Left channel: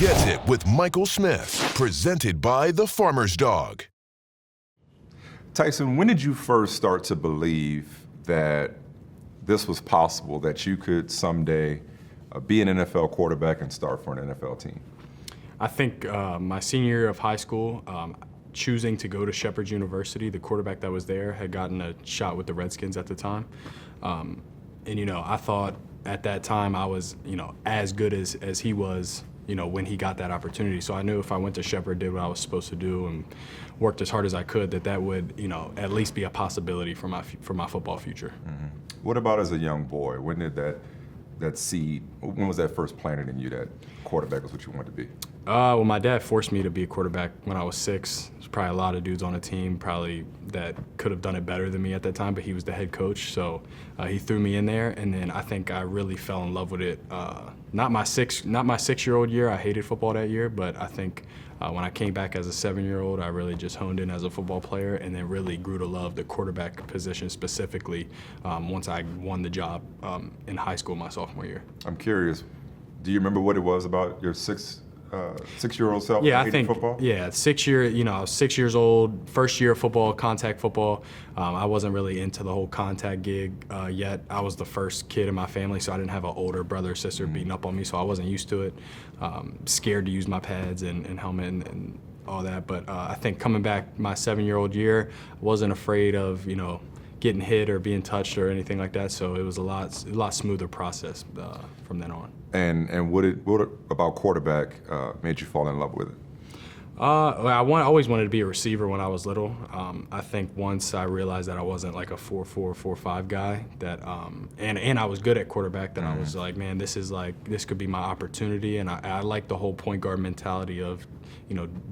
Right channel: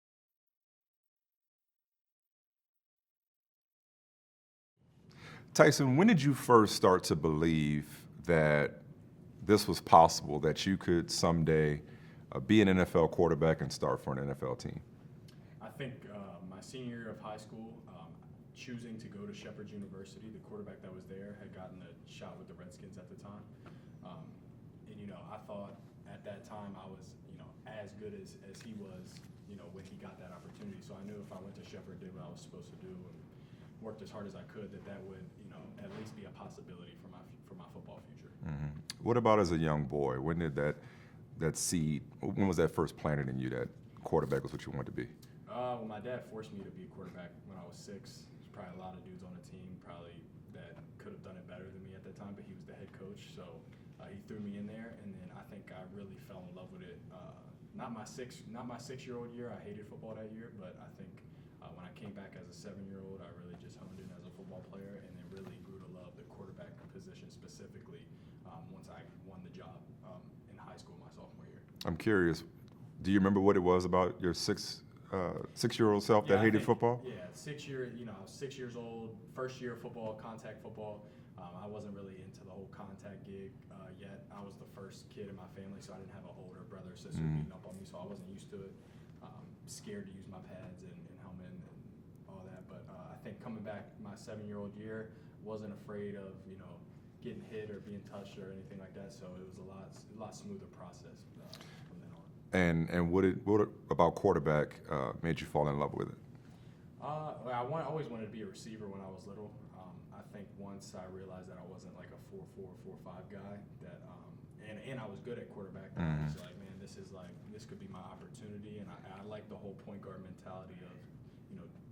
Gets It with Michael Smith, presented by The Farmer's Dog. Tyson, when did you first start to believe that this was possible, that you could someday be an NFL quarterback and start for an NFL team? I think my senior year of high school, choosing to go to Shepherd University, the quarterback that was there had gotten a shot with the Redskins at the time. And, I thought at that time I was, as good as he was, when he got that opportunity. So I knew if I went to Shepherd, did what I was supposed to do, and worked as hard as I could, that would, at least be a possibility for my football future. Mm-hmm. What about as a young boy? When did that seed, when was that first planted in you that quarterback was what you wanted to be? Well, my dad forced me to be a quarterback when I was 6. There's probably a lot of dudes on the team probably that could have done it better than me at that time, but he was the head coach, so he threw me in there, and then I think I really fell in love with it. Not my 6-year-old year. I hated football that year, but I think when I came back as a 7-year-old, I really just honed in as a football player, and then really grew to love the quarterback position specifically once I won the job in high school my sophomore year. I'm curious, do you remember what it was about your 6-year-old self that hated football? Yeah, I was 6 years old, first year of football, contact football. I wasn't really into the whole contact gig yet. I was the first kid in my family, so I didn't have an older brother or sister beating up on me, so I wasn't used to it. Scared to use my pads and helmet and all that. But I think coming back my 7-year-old year, I wasn't afraid of, getting hit or being touched or anything like that, so it was a lot smoother process from then on. And what about quarterback made you fall in love with it? I always wanted to be a receiver when I was little. I think once I realized that I wasn't like a 4-4, 4-5 guy, that and I was good at quarterback, that I was like, man, this could be my opportunity, and I like the whole point guard mentality of,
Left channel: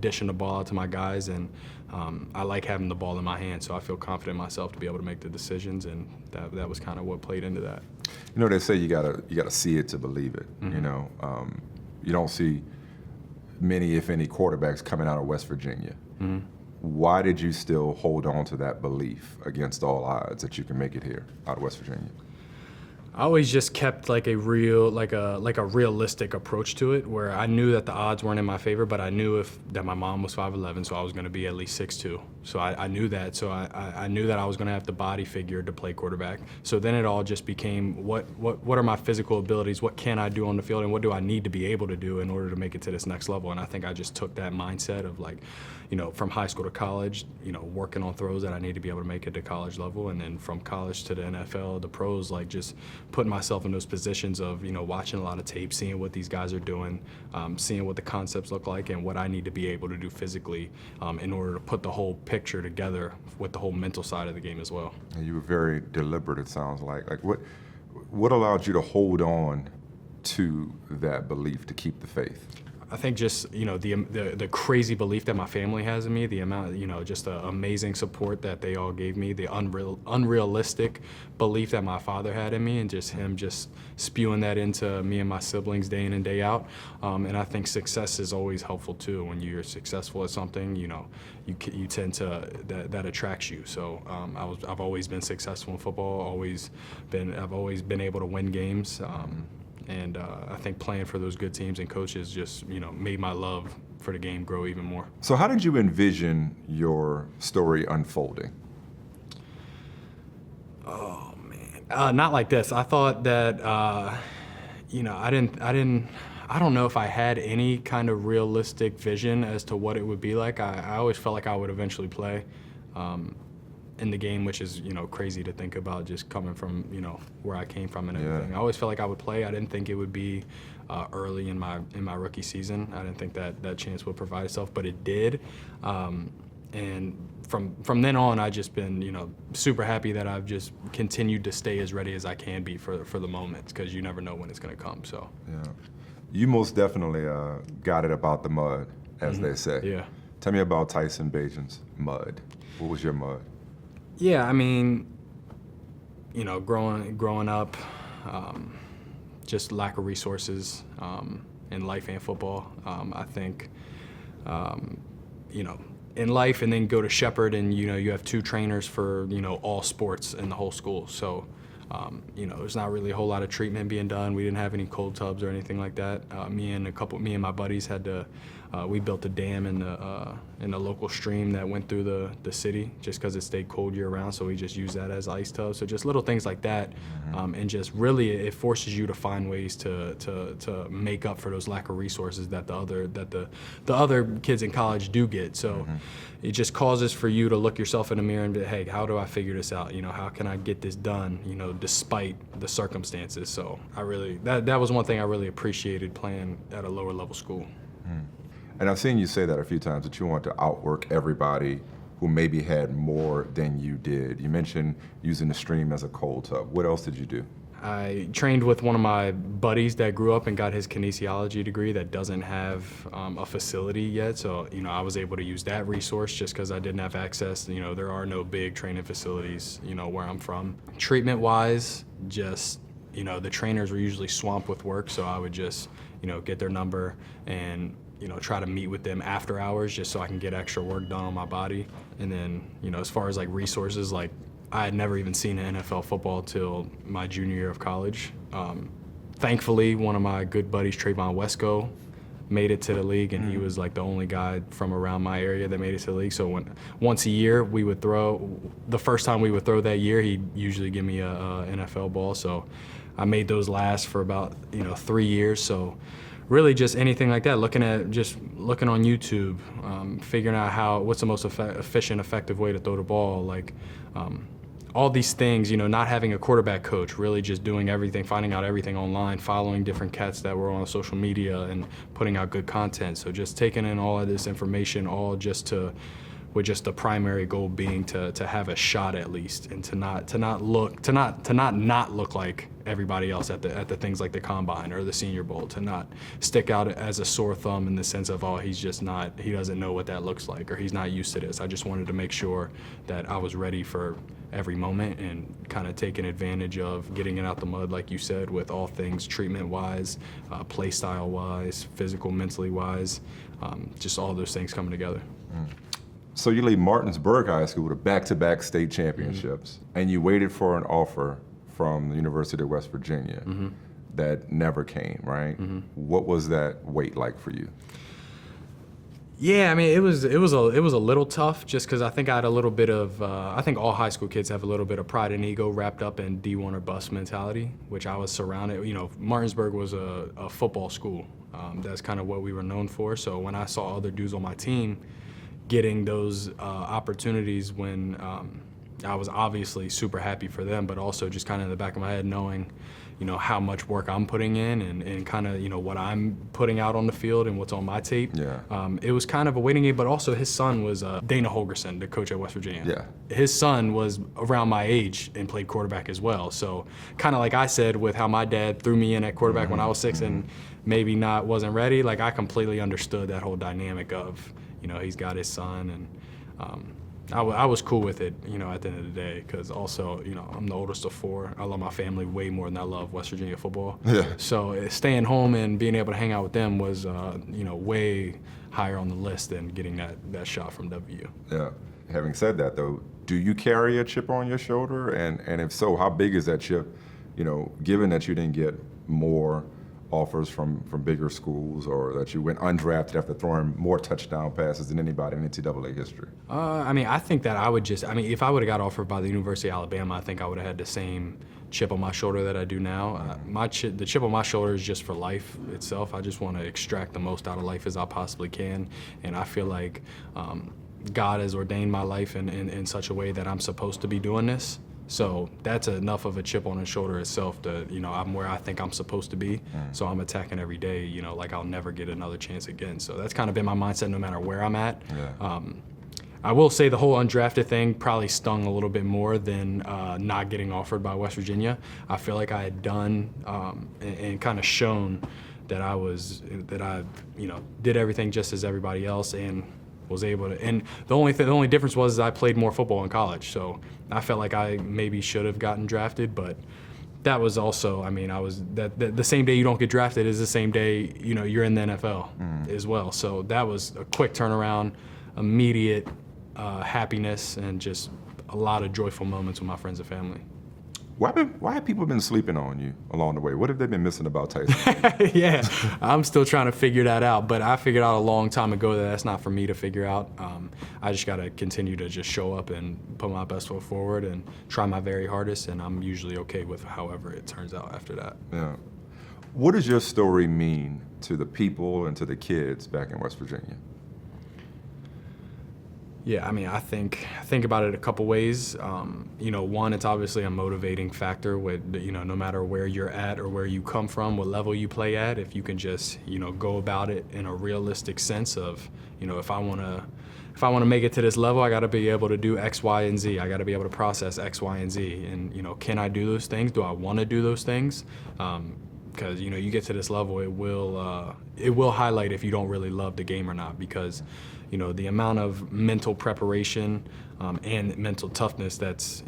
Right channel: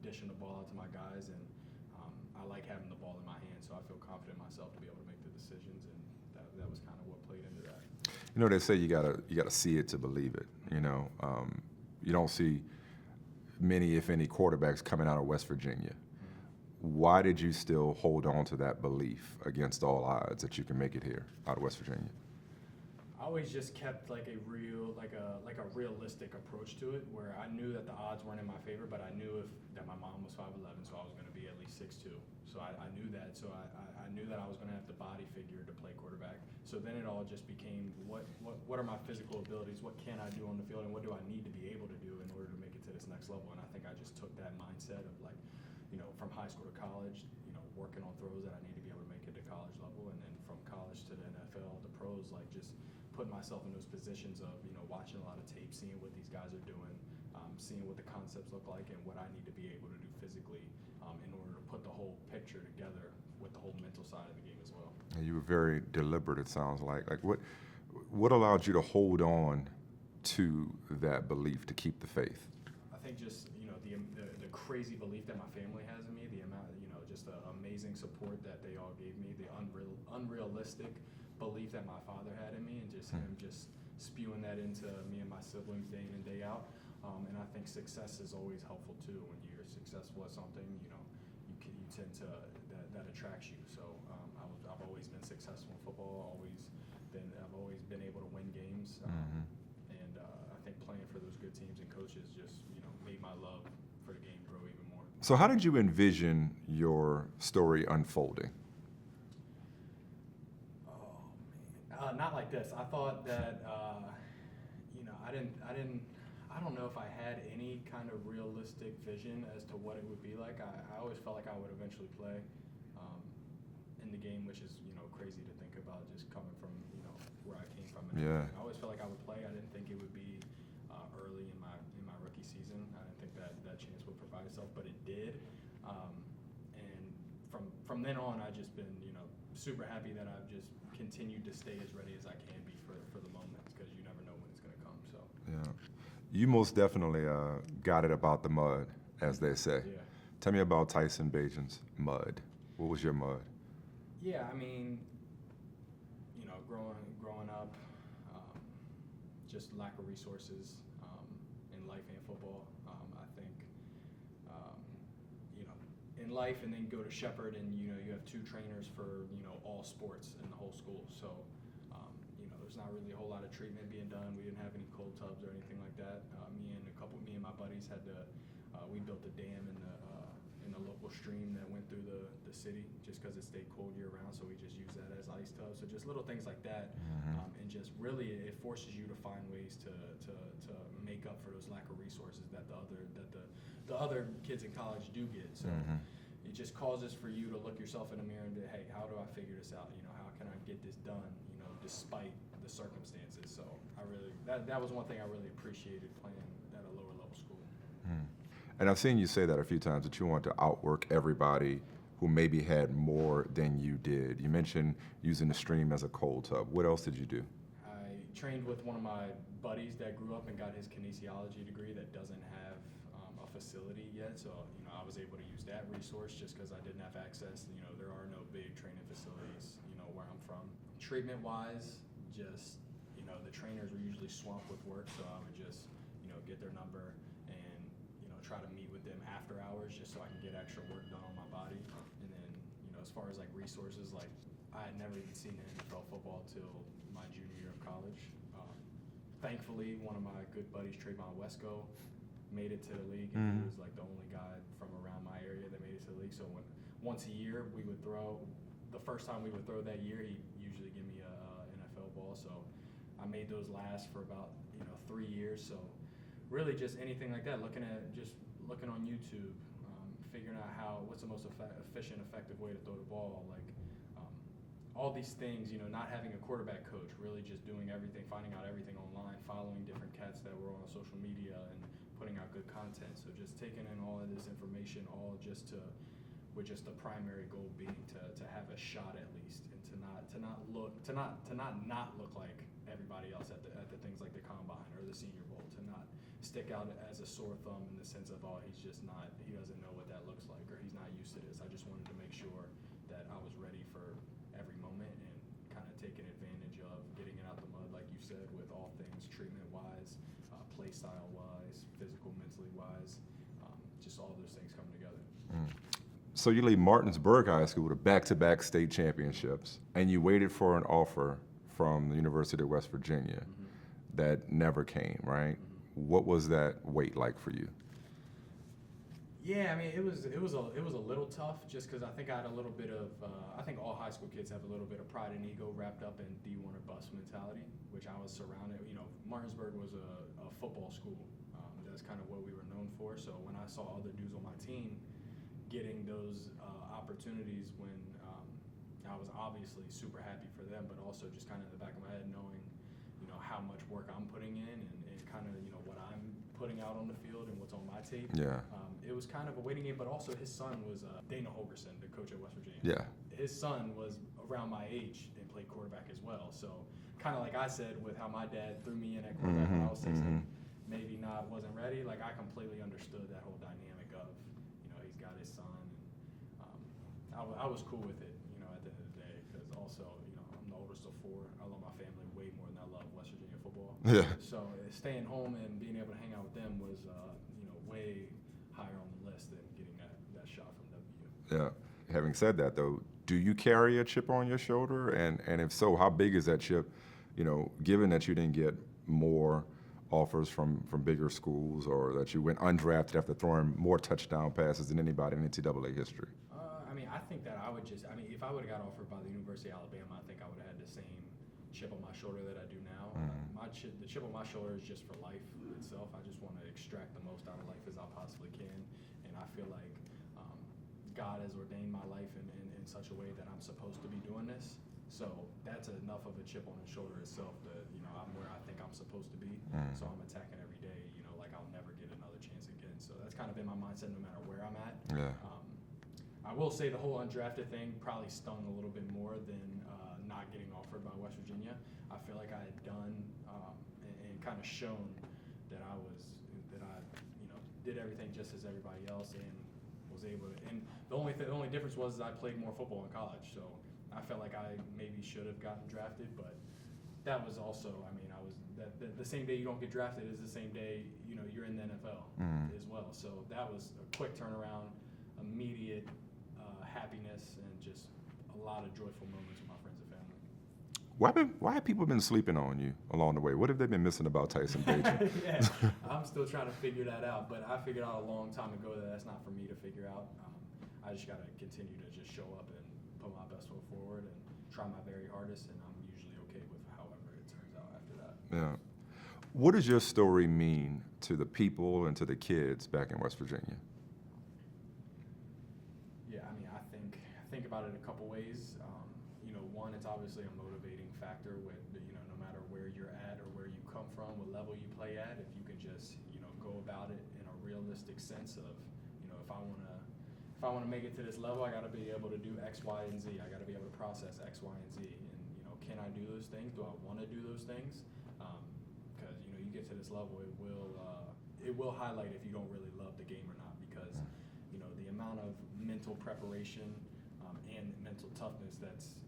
dishing the ball out to my guys, and I like having the ball in my hand, so I feel confident in myself to be able to make the decisions, and that was kind of what played into that. They say you gotta see it to believe it. Mm-hmm. You don't see many, if any, quarterbacks coming out of West Virginia. Mm-hmm. Why did you still hold on to that belief against all odds that you can make it here out of West Virginia? I always just kept like a realistic approach to it, where I knew that the odds weren't in my favor, but I knew that my mom was 5'11", so I was going to be at least 6'2". So I knew that. So I knew that I was going to have the body figure to play quarterback. So then it all just became what are my physical abilities? What can I do on the field, and what do I need to be able to do in order to make it to this next level? And I think I just took that mindset of like, from high school to college, working on throws that I need to be able to make it to college level, and then from college to the NFL, the pros, like just putting myself in those positions of, watching a lot of tape, seeing what these guys are doing, seeing what the concepts look like, and what I need to be able to do physically in order to put the whole picture together with the whole mental side of the game as well. And you were very deliberate, it sounds like. Like what allowed you to hold on to that belief, to keep the faith? I think just, the crazy belief that my family has in me, the amount, just the amazing support that they all gave me, the unrealistic belief that my father had in me, and just him just spewing that into me and my siblings day in and day out. And I think success is always helpful too. When you're successful at something, you tend to, that attracts you. So I've always been successful in football, I've always been able to win games. And I think playing for those good teams and coaches just, made my love for the game grow even more. So how did you envision your story unfolding? Oh, man. Not like this. I thought that, I don't know if I had any kind of realistic vision as to what it would be like. I always felt like I would eventually play in the game, which is, crazy to think about, just coming from, where I came from and everything. I always felt like I would play. I didn't think it would be early in my rookie season. I didn't think that chance would provide itself, but it did. And from then on, I've just been, super happy that I've just continued to stay as ready as I can be for the moments, because you never know when it's going to come. So yeah, you most definitely got it about the mud, as they say. Yeah. Tell me about Tyson Bagent's mud. What was your mud? Yeah, I mean, growing up, just lack of resources in life and football. I think, in life, and then go to Shepherd, and you have 2 trainers for all sports in the whole school. So There's not really a whole lot of treatment being done. We didn't have any cold tubs or anything like that. Me and my buddies had to. We built a dam in the local stream that went through the city just because it stayed cold year round. So we just used that as ice tubs. So just little things like that, and just really it forces you to find ways to make up for those lack of resources that the other kids in college do get. So it just causes for you to look yourself in the mirror and be, hey, how do I figure this out? How can I get this done? Despite the circumstances. So I really that was one thing I really appreciated playing at a lower level school. And I've seen you say that a few times, that you want to outwork everybody who maybe had more than you did. You mentioned using the stream as a cold tub. What else did you do? I trained with one of my buddies that grew up and got his kinesiology degree that doesn't have a facility yet. So, I was able to use that resource just because I didn't have access. There are no big training facilities, where I'm from. Treatment-wise, just, the trainers were usually swamped with work, so I would just, get their number and try to meet with them after hours just so I can get extra work done on my body. And then, as far as resources, I had never even seen an NFL football till my junior year of college. Thankfully, one of my good buddies, Trayvon Wesco, made it to the league, and he was the only guy from around my area that made it to the league. So once a year we would throw, the first time we would throw that year, he'd usually give me a NFL ball. So I made those last for about 3 years. So really just anything like that, looking on YouTube, figuring out what's the most efficient, effective way to throw the ball, all these things, not having a quarterback coach, really just doing everything, finding out everything online, following different cats that were on social media and putting out good content. So just taking in all of this information, all just with just the primary goal being to have a shot at least, and to not look like everybody else at the things like the combine or the Senior Bowl, to not stick out as a sore thumb in the sense of, he doesn't know what that looks like, or he's not used to this. I just wanted to make sure that I was ready for every moment and kind of taking advantage of getting it out the mud, like you said, with all things treatment-wise, play style-wise, physical, mentally-wise, just all those things coming together. So you leave Martinsburg High School with back-to-back state championships, and you waited for an offer from the University of West Virginia that never came, right? What was that wait like for you? Yeah, it was a little tough just because I think I had a little bit of I think all high school kids have a little bit of pride and ego wrapped up in D1 or bust mentality, which I was surrounded. Martinsburg was a football school. That's kind of what we were known for. So when I saw other dudes on my team getting those opportunities, when I was obviously super happy for them, but also just kind of in the back of my head knowing, how much work I'm putting in and kind of, what I'm putting out on the field and what's on my tape. Yeah. It was kind of a waiting game, but also his son was Dana Holgerson, the coach at West Virginia. Yeah. His son was around my age and played quarterback as well. So kind of like I said, with how my dad threw me in at quarterback when I was 6 and maybe wasn't ready, I completely understood that whole dynamic of, he's got his son, and I was cool with it, at the end of the day, because also, I'm the oldest of 4. I love my family way more than I love West Virginia football. Yeah. So staying home and being able to hang out with them was, way higher on the list than getting that shot from W. Yeah. Having said that, though, do you carry a chip on your shoulder? And if so, how big is that chip, given that you didn't get more offers from bigger schools, or that you went undrafted after throwing more touchdown passes than anybody in NCAA history? I think that I would just, if I would have got offered by the University of Alabama, I think I would have had the same chip on my shoulder that I do now. The chip on my shoulder is just for life itself. I just want to extract the most out of life as I possibly can, and I feel like God has ordained my life in such a way that I'm supposed to be doing this. So that's enough of a chip on his shoulder itself to, I'm where I think I'm supposed to be. So I'm attacking every day, like I'll never get another chance again. So that's kind of been my mindset no matter where I'm at. Yeah. I will say the whole undrafted thing probably stung a little bit more than not getting offered by West Virginia. I feel like I had done and kind of shown that I did everything just as everybody else and was able to. And the only difference was I played more football in college. So I felt like I maybe should have gotten drafted, but that was also, I was the same day you don't get drafted is the same day you're in the NFL as well. So that was a quick turnaround, immediate happiness, and just a lot of joyful moments with my friends and family. Why have people been sleeping on you along the way? What have they been missing about Tyson Bagent? Yeah, I'm still trying to figure that out, but I figured out a long time ago that that's not for me to figure out. I just got to continue to just show up and put my best foot forward and try my very hardest, and I'm usually okay with however it turns out after that. Yeah. What does your story mean to the people and to the kids back in West Virginia? Yeah, I mean, I think about it a couple ways. One, it's obviously a motivating factor with, no matter where you're at or where you come from, what level you play at, if you can just, go about it in a realistic sense of, if I want to make it to this level, I got to be able to do X, Y, and Z. I got to be able to process X, Y, and Z. And, can I do those things? Do I want to do those things? Because, you get to this level, it will highlight if you don't really love the game or not, because the amount of mental preparation and mental toughness that's,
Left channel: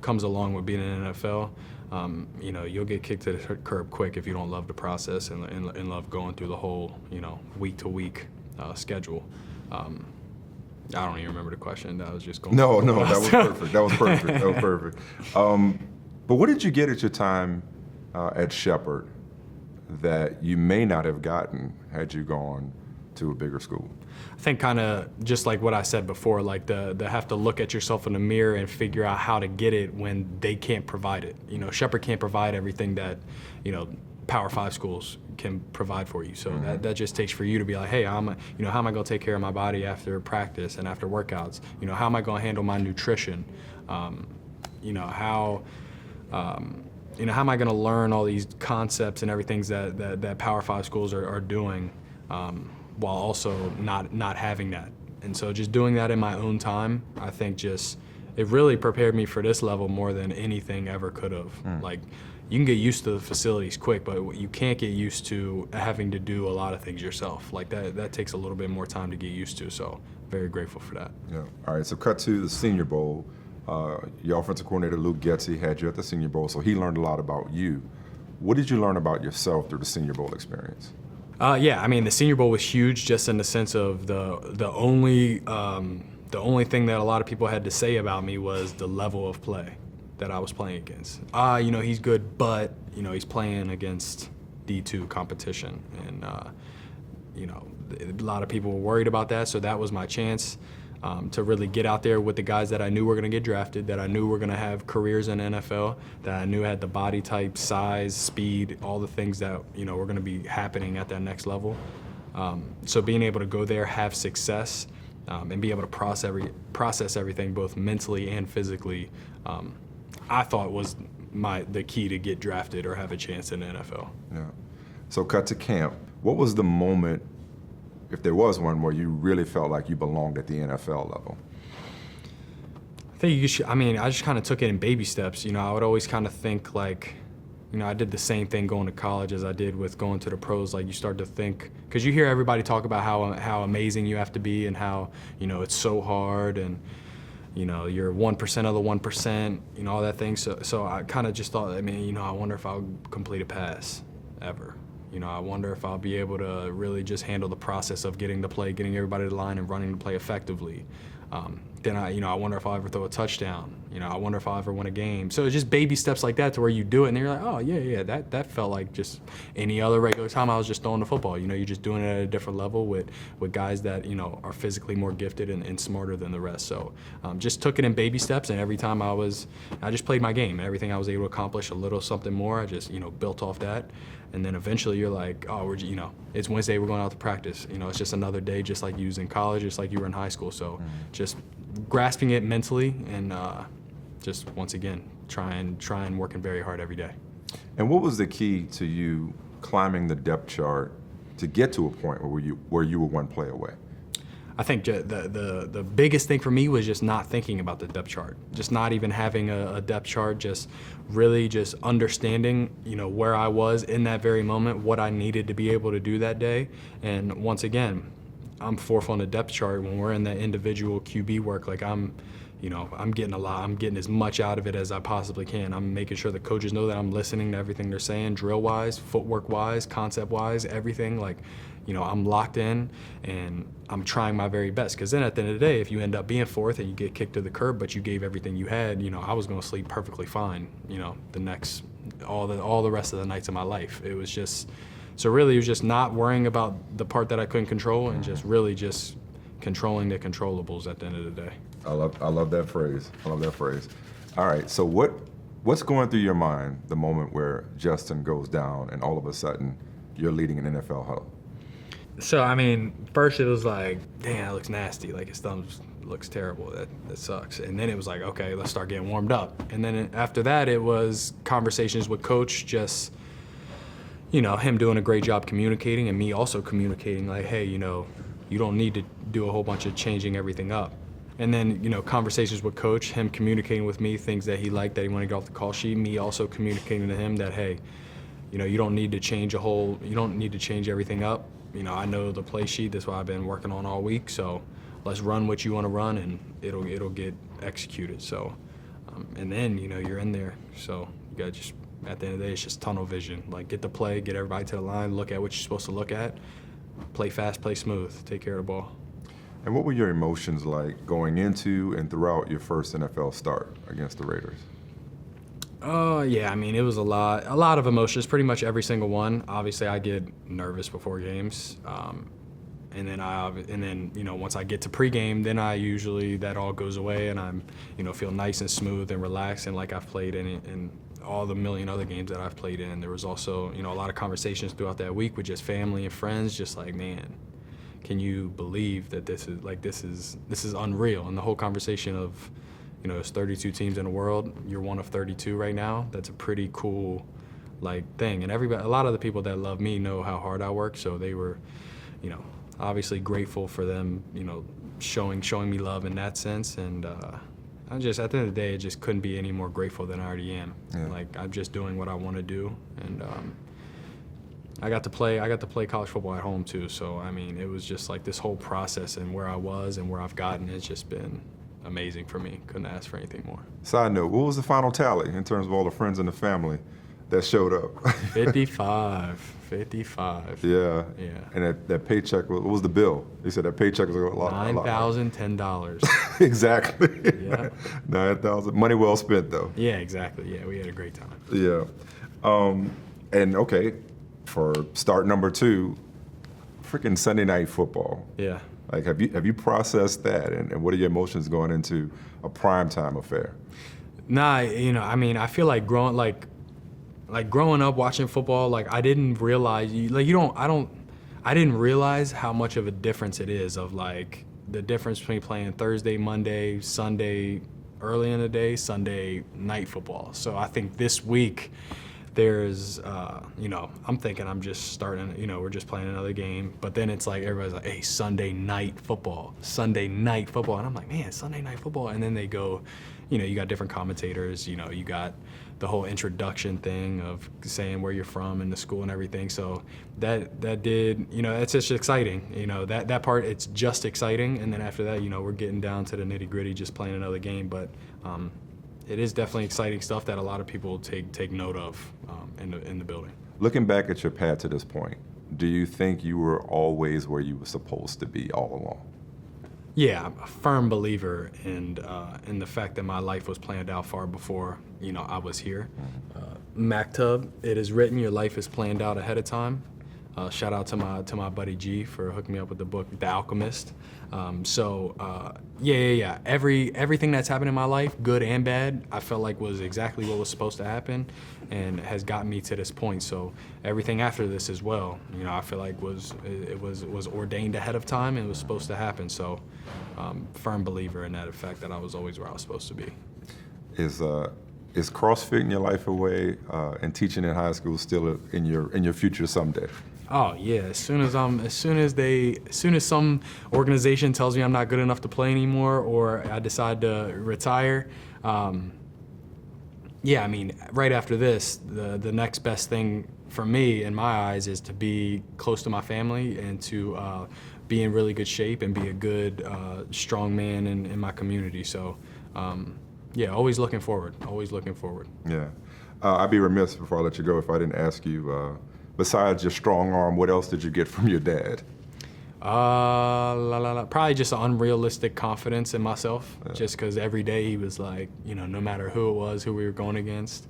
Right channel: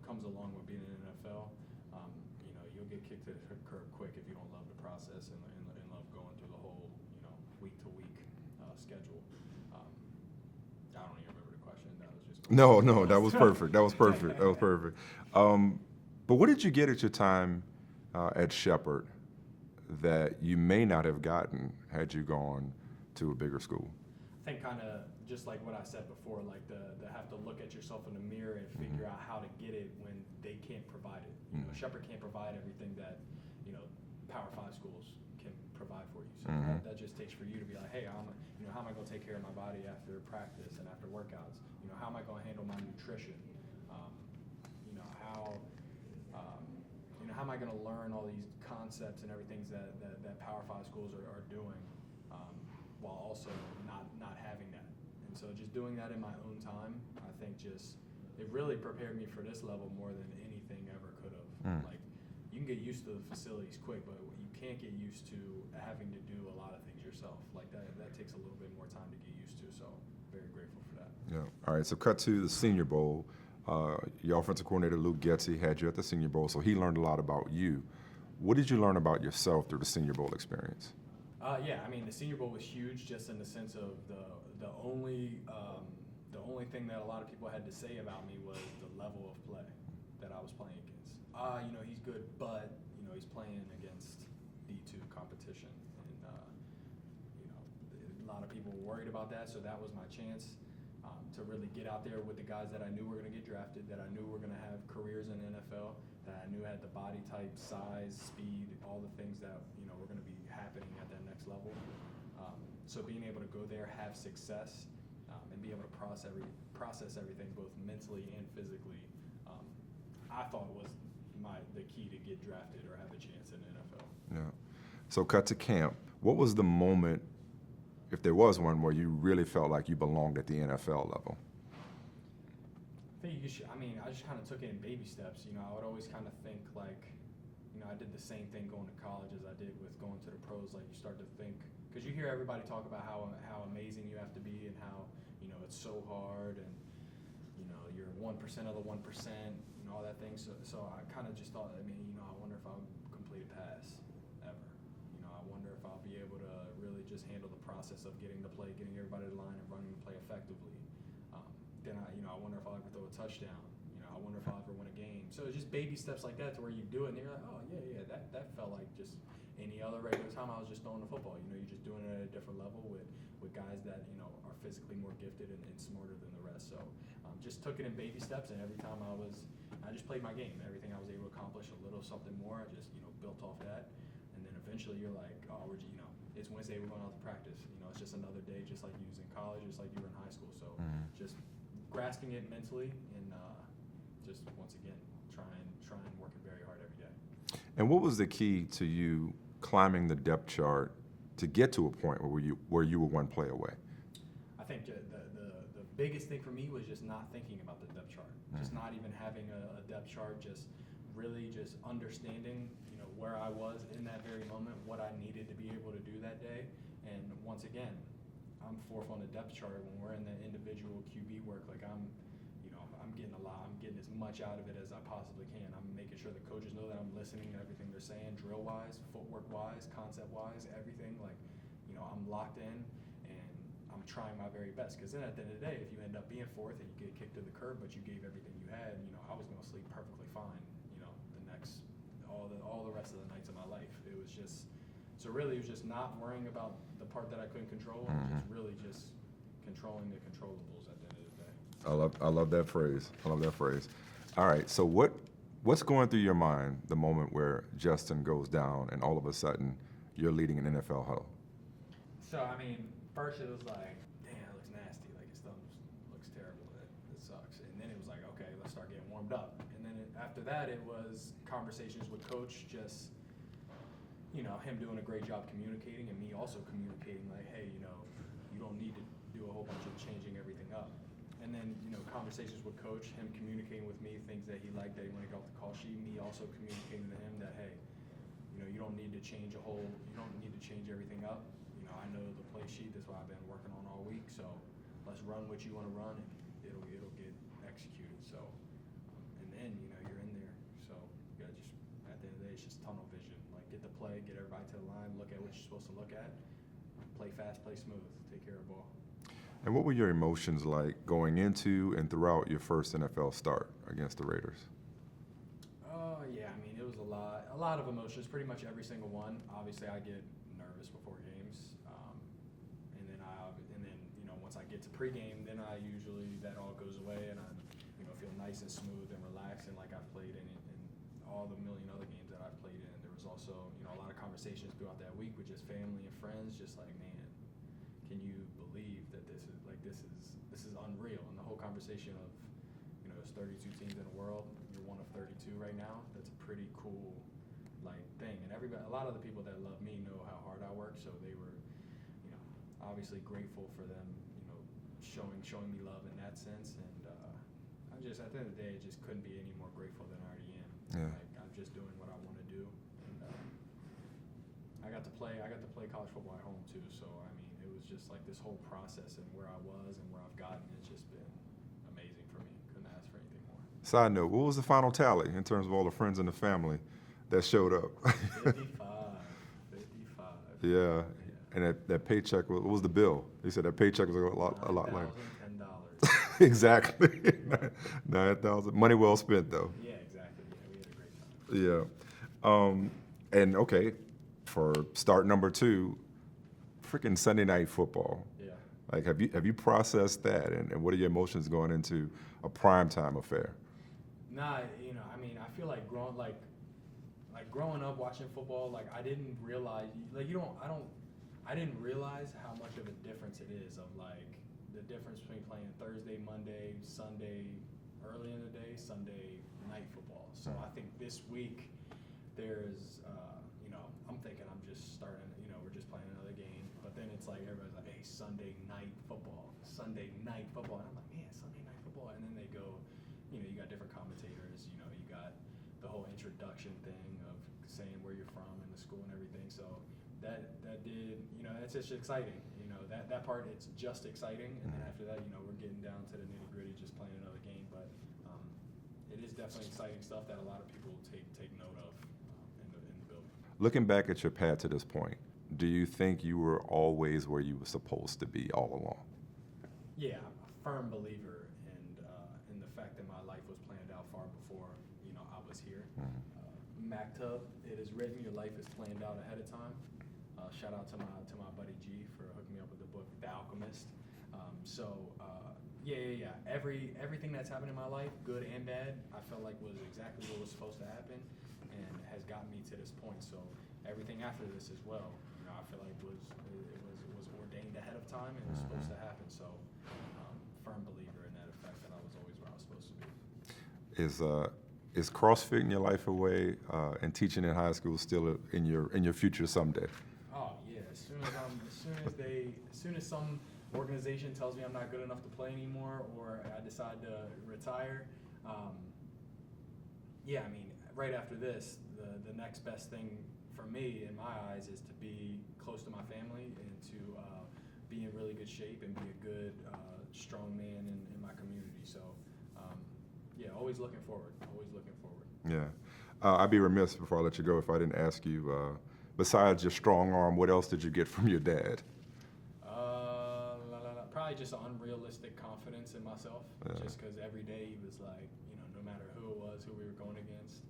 comes along with being in the NFL, you'll get kicked to the curb quick if you don't love the process and love going through the whole, week-to-week schedule. I don't even remember the question. That was just going. No, that was perfect. That was perfect. But what did you get at your time at Shepherd that you may not have gotten had you gone to a bigger school? I think kind of just like what I said before, like the have to look at yourself in the mirror and figure out how to get it when they can't provide it. Shepherd can't provide everything that, Power 5 schools can provide for you. So that just takes for you to be like, hey, how am I going to take care of my body after practice and after workouts? How am I going to handle my nutrition? How am I going to learn all these concepts and everything that Power 5 schools are doing? While also not having that. And so just doing that in my own time, I think it really prepared me for this level more than anything ever could have. Like, you can get used to the facilities quick, but you can't get used to having to do a lot of things yourself. Like, that takes a little bit more time to get used to, so very grateful for that. Yeah. All right, so cut to the Senior Bowl. Your offensive coordinator, Luke Getsy, had you at the Senior Bowl, so he learned a lot about you. What did you learn about yourself through the Senior Bowl experience? Yeah, I mean, the Senior Bowl was huge just in the sense of the only thing that a lot of people had to say about me was the level of play that I was playing against. He's good, but, he's playing against D2 competition. And, a lot of people were worried about that, so that was my chance to really get out there with the guys that I knew were going to get drafted, that I knew were going to have careers in the NFL, that I knew had the body type, size, speed, all the things that, were going to be happening at that next level. So being able to go there, have success, and be able to process everything both mentally and physically, I thought was the key to get drafted or have a chance in the NFL. Yeah. So cut to camp. What was the moment, if there was one, where you really felt like you belonged at the NFL level? I think I just kind of took it in baby steps. I would always kind of think like, I did the same thing going to college as I did with going to the pros. Like, you start to think, because you hear everybody talk about how amazing you have to be and how, it's so hard and, you're 1% of the 1%, all that thing. So I kind of just thought, I wonder if I'll complete a pass ever. I wonder if I'll be able to really just handle the process of getting the play, getting everybody to the line and running the play effectively. Then I wonder if I'll ever throw a touchdown. I wonder if I'll ever win a game. So it's just baby steps like that to where you do it and you're like, oh yeah, that felt like just any other regular time I was just throwing the football. You're just doing it at a different level with guys that, are physically more gifted and smarter than the rest. So just took it in baby steps, and every time I just played my game. Everything I was able to accomplish a little something more, I just, built off that. And then eventually you're like, oh, it's Wednesday, we're going out to practice. It's just another day, just like you was in college, just like you were in high school. So just grasping it mentally and just, once again, trying working very hard every day. And what was the key to you climbing the depth chart to get to a point where you were one play away? I think the biggest thing for me was just not thinking about the depth chart, just not even having a depth chart, just really just understanding, where I was in that very moment, what I needed to be able to do that day. And once again, I'm fourth on the depth chart when we're in that individual QB work. Like, I'm I'm getting a lot. I'm getting as much out of it as I possibly can. I'm making sure the coaches know that I'm listening to everything they're saying, drill-wise, footwork-wise, concept-wise, everything. Like, I'm locked in, and I'm trying my very best. Because then at the end of the day, if you end up being fourth and you get kicked to the curb, but you gave everything you had, I was going to sleep perfectly fine, all the rest of the nights of my life. It was just, so really it was just not worrying about the part that I couldn't control and just really just controlling the controllables at the end of the day. I love that phrase. I love that phrase. All right, so what's going through your mind the moment where Justin goes down and all of a sudden you're leading an NFL huddle? So, first it was like, damn, that looks nasty. Like, his thumb looks terrible. That sucks. And then it was like, okay, let's start getting warmed up. And then after that, it was conversations with Coach, just, him doing a great job communicating and me also communicating like, hey, you don't need to do a whole bunch of changing everything up. And then, conversations with Coach, him communicating with me things that he liked, that he wanted to get off the call sheet, me also communicating to him that, hey, you don't need to change everything up. I know the play sheet, that's what I've been working on all week, so let's run what you want to run and it'll get executed. So, and then, you're in there. So you got to just, at the end of the day, it's just tunnel vision. Like, get the play, get everybody to the line, look at what you're supposed to look at, play fast, play smooth, take care of the ball. And what were your emotions like going into and throughout your first NFL start against the Raiders? Yeah, it was a lot of emotions, pretty much every single one. Obviously, I get nervous before games, and then once I get to pregame, then that all goes away, and I'm feel nice and smooth and relaxed, and like I've played in all the million other games that I've played in. There was also a lot of conversations throughout that week with just family and friends, just like, man, can you believe that this is unreal? And the whole conversation of, there's 32 teams in the world. You're one of 32 right now. That's a pretty cool, thing. And a lot of the people that love me know how hard I work. So they were, obviously grateful for them, showing me love in that sense. And I just, at the end of the day, I just couldn't be any more grateful than I already am. Yeah. I'm just doing what I want to do, and I got to play college football at home too. So it was just like this whole process, and where I was and where I've gotten, it's just been amazing for me. Couldn't ask for anything more. Side note, what was the final tally in terms of all the friends and the family that showed up? 55. Yeah. And that paycheck, what was the bill? He said that paycheck was a lot. $9,010. Exactly. Yeah. 9,000. Money well spent, though. Yeah, exactly. Yeah, we had a great time. Yeah. And okay, for start number 2, freaking Sunday night football. Yeah. Have you processed that, and what are your emotions going into a primetime affair? Nah, I feel like growing up watching football, I didn't realize, I didn't realize how much of a difference it is of the difference between playing Thursday, Monday, Sunday, early in the day, Sunday night football. So I think this week there's, I'm thinking I'm just starting, we're just playing another game, but then it's like everybody's like, hey, Sunday night football. And I'm like, man, Sunday night football. And then they go, you got different commentators, you got the whole introduction thing of saying where you're from and the school and everything. So that did, it's just exciting. That part, it's just exciting. And then after that, we're getting down to the nitty gritty, just playing another game. But it is definitely exciting stuff that a lot of people take note of in the building. Looking back at your path to this point, do you think you were always where you were supposed to be all along? Yeah, I'm a firm believer in the fact that my life was planned out far before I was here. Mm-hmm. Mactub, it is written, your life is planned out ahead of time. Shout out to my buddy G for hooking me up with the book, The Alchemist. Yeah. Everything that's happened in my life, good and bad, I felt like was exactly what was supposed to happen, and has gotten me to this point. So everything after this as well, I feel like was ordained ahead of time and was supposed to happen. So, firm believer in that fact that I was always where I was supposed to be. Is CrossFit in your life away and teaching in high school still in your future someday? Oh yeah, as soon as some organization tells me I'm not good enough to play anymore, or I decide to retire, right after this, the next best thing for me in my eyes is to be close to my family and to be in really good shape and be a good, strong man in my community. So Yeah, always looking forward. Always looking forward. Yeah. I'd be remiss before I let you go if I didn't ask you, besides your strong arm, what else did you get from your dad? Probably just an unrealistic confidence in myself. Just because every day he was like, no matter who it was, who we were going against,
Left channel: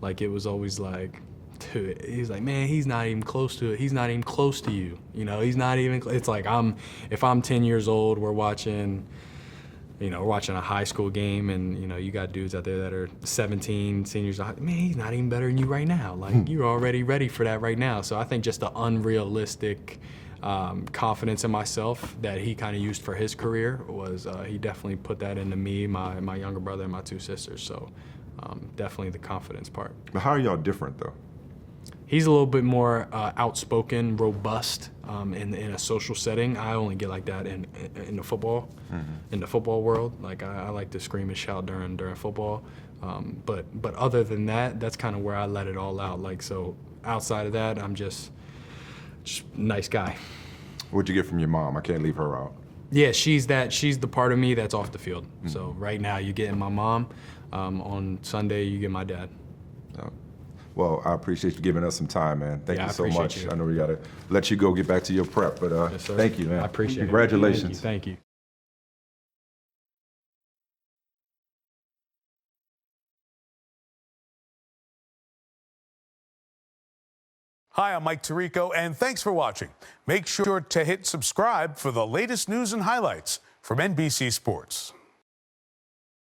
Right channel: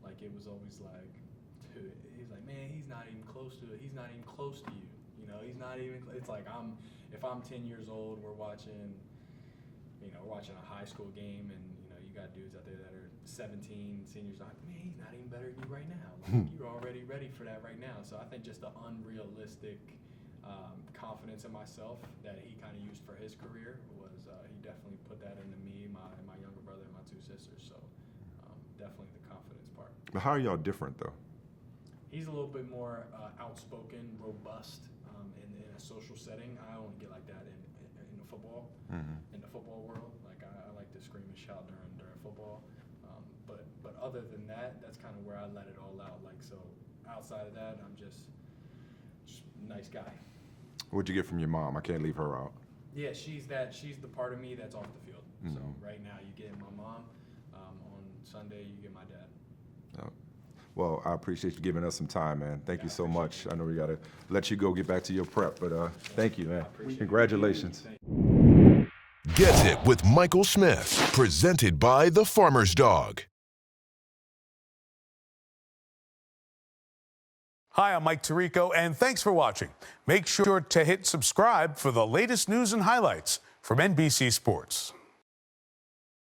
like it was always like, dude, he's like, man, he's not even close to it. He's not even close to you. He's not even. It's like if I'm 10 years old, we're watching a high school game, and you got dudes out there that are 17, seniors. Man, he's not even better than you right now. Like you're already ready for that right now. So I think just the unrealistic confidence in myself that he kind of used for his career was he definitely put that into me, my younger brother, and my two sisters. So definitely the confidence part. But how are y'all different though? He's a little bit more outspoken, robust in a social setting. I only get like that in the football, in the football world. Like I like to scream and shout during football. But other than that, that's kind of where I let it all out. Like so, outside of that, I'm just nice guy. What'd you get from your mom? I can't leave her out. Yeah, she's the part of me that's off the field. So right now you get my mom. On Sunday you get my dad. Well, I appreciate you giving us some time, man. Thank you so much. You. I know we got to let you go get back to your prep, but Yes, thank you, man. I appreciate Congratulations. it. Thank you. Get It with Michael Smith, presented by The Farmer's Dog. Hi, I'm Mike Tirico, and thanks for watching. Make sure to hit subscribe for the latest news and highlights from NBC Sports.